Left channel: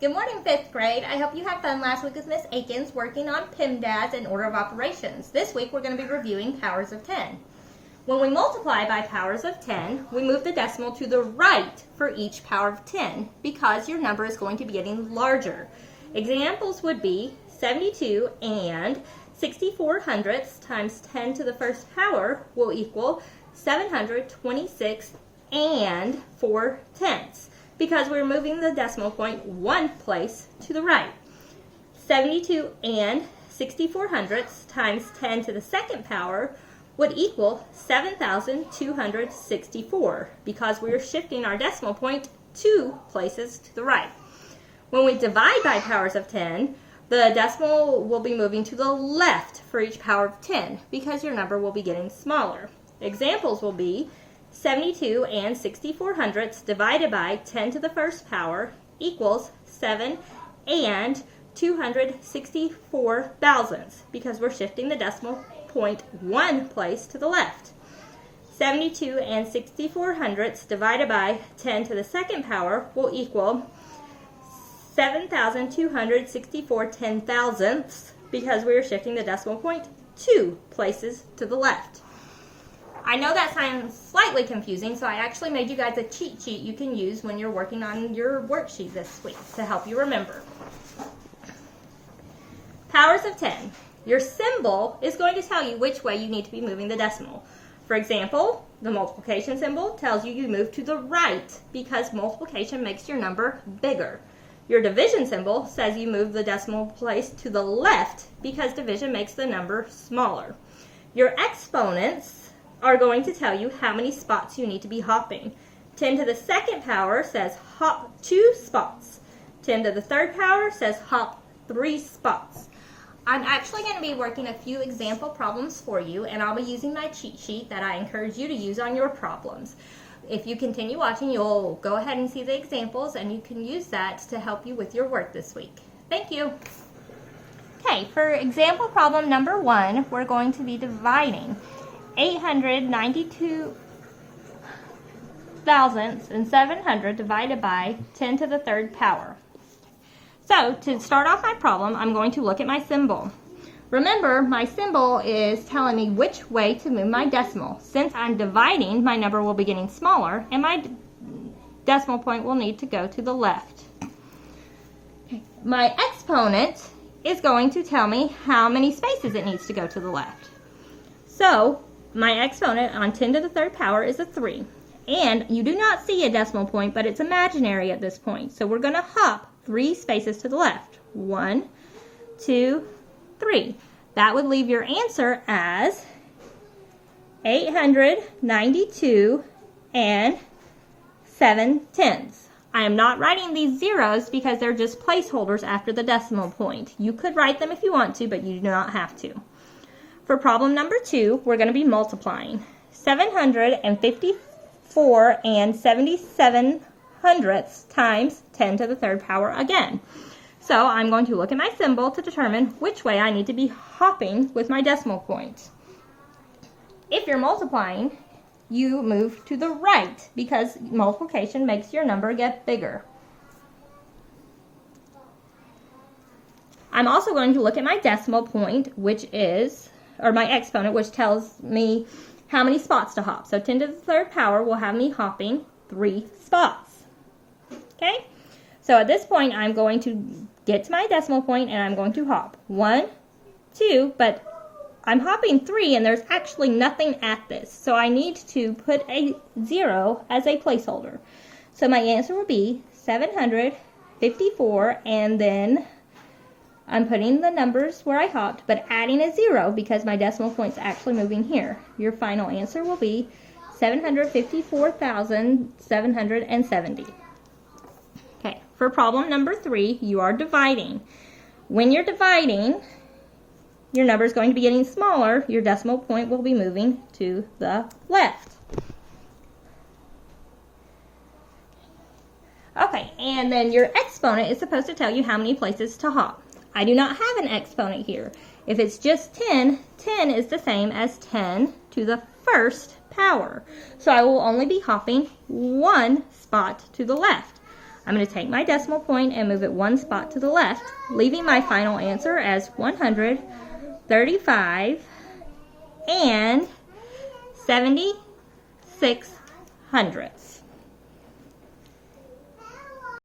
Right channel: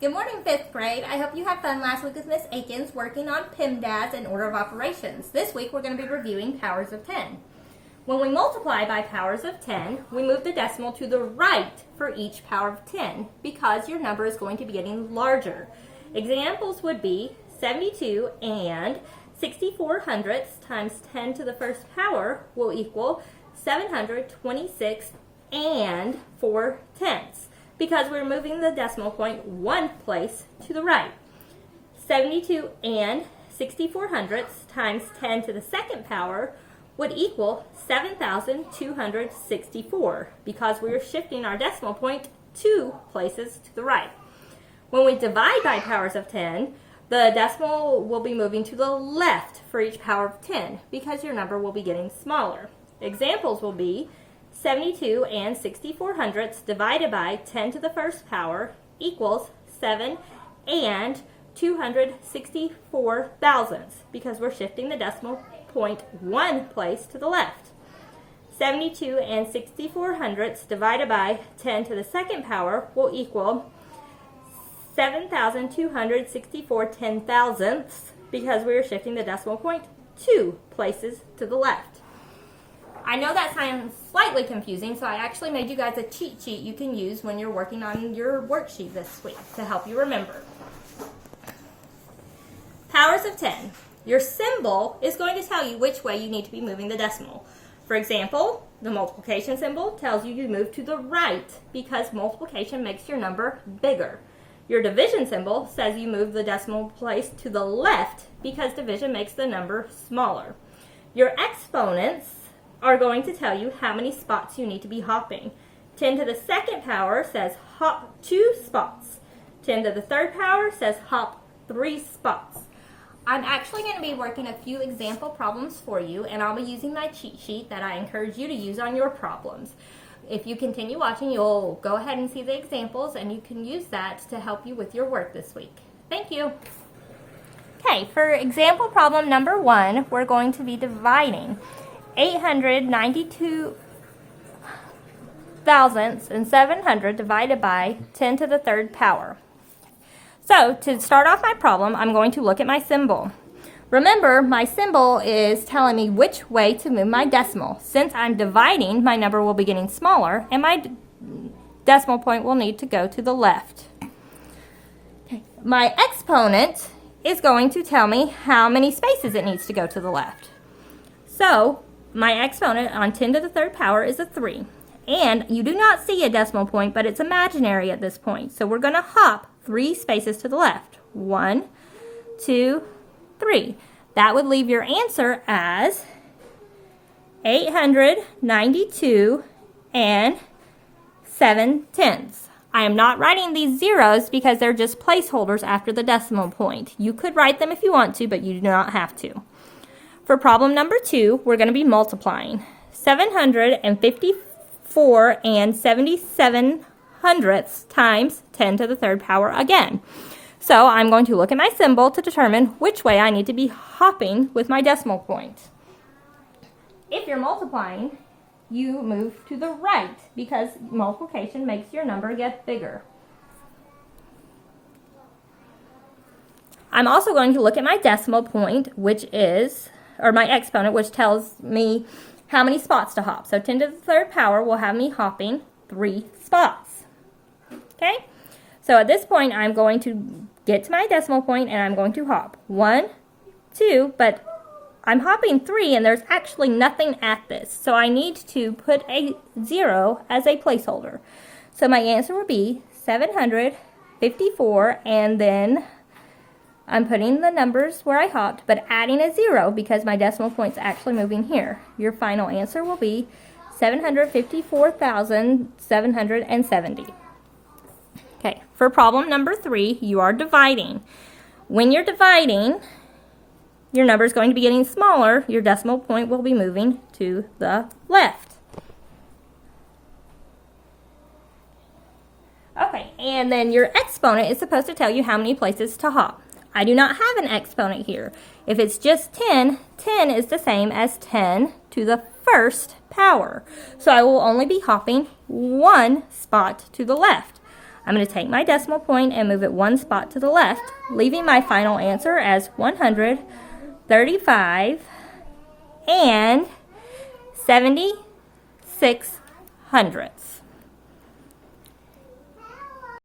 Good morning, 5th grade. I hope you had fun last week with Miss Akins working on PEMDAS and order of operations. This week we're going to be reviewing powers of 10. When we multiply by powers of 10, we move the decimal to the right for each power of 10 because your number is going to be getting larger. Examples would be 72 and 64 hundredths times 10 to the first power will equal 726 and 4 tenths. Because we're moving the decimal point one place to the right. 72 and 64 hundredths times 10 to the second power would equal 7,264 because we're shifting our decimal point 2 places to the right. When we divide by powers of 10, the decimal will be moving to the left for each power of 10 because your number will be getting smaller. Examples will be 72 and 64 hundredths divided by 10 to the first power equals 7 and 264 thousandths because we're shifting the decimal point one place to the left. 72 and 64 hundredths divided by 10 to the second power will equal 7,264 ten thousandths because we're shifting the decimal point 2 places to the left. I know that sounds slightly confusing, so I actually made you guys a cheat sheet you can use when you're working on your worksheet this week to help you remember. Powers of 10. Your symbol is going to tell you which way you need to be moving the decimal. For example, the multiplication symbol tells you move to the right because multiplication makes your number bigger. Your division symbol says you move the decimal place to the left because division makes the number smaller. Your exponents are going to tell you how many spots you need to be hopping. 10 to the second power says hop 2 spots. 10 to the third power says hop 3 spots. I'm actually going to be working a few example problems for you, and I'll be using my cheat sheet that I encourage you to use on your problems. If you continue watching, you'll go ahead and see the examples, and you can use that to help you with your work this week. Thank you. Okay, for example problem number 1, we're going to be dividing 892 thousandths and 700 divided by 10 to the third power. So to start off my problem, I'm going to look at my symbol. Remember, my symbol is telling me which way to move my decimal. Since I'm dividing, my number will be getting smaller and my decimal point will need to go to the left. My exponent is going to tell me how many spaces it needs to go to the left. So my exponent on 10 to the third power is a 3. And you do not see a decimal point, but it's imaginary at this point. So we're going to hop 3 spaces to the left. 1, 2, 3. That would leave your answer as 892 and 7 tenths. I am not writing these zeros because they're just placeholders after the decimal point. You could write them if you want to, but you do not have to. For problem number 2, we're going to be multiplying 754 and 77 hundredths times 10 to the third power again. So I'm going to look at my symbol to determine which way I need to be hopping with my decimal point. If you're multiplying, you move to the right because multiplication makes your number get bigger. I'm also going to look at my decimal point, which is or my exponent, which tells me how many spots to hop. So 10 to the third power will have me hopping 3 spots. Okay? So at this point, I'm going to get to my decimal point and I'm going to hop 1, 2, but I'm hopping 3 and there's actually nothing at this. So I need to put a 0 as a placeholder. So my answer would be 754 and then I'm putting the numbers where I hopped, but adding a 0 because my decimal point's actually moving here. Your final answer will be 754,770. Okay, for problem number 3, you are dividing. When you're dividing, your number is going to be getting smaller. Your decimal point will be moving to the left. Okay, and then your exponent is supposed to tell you how many places to hop. I do not have an exponent here. If it's just 10, 10 is the same as 10 to the first power. So I will only be hopping 1 spot to the left. I'm going to take my decimal point and move it one spot to the left, leaving my final answer as 135 and 76 hundredths.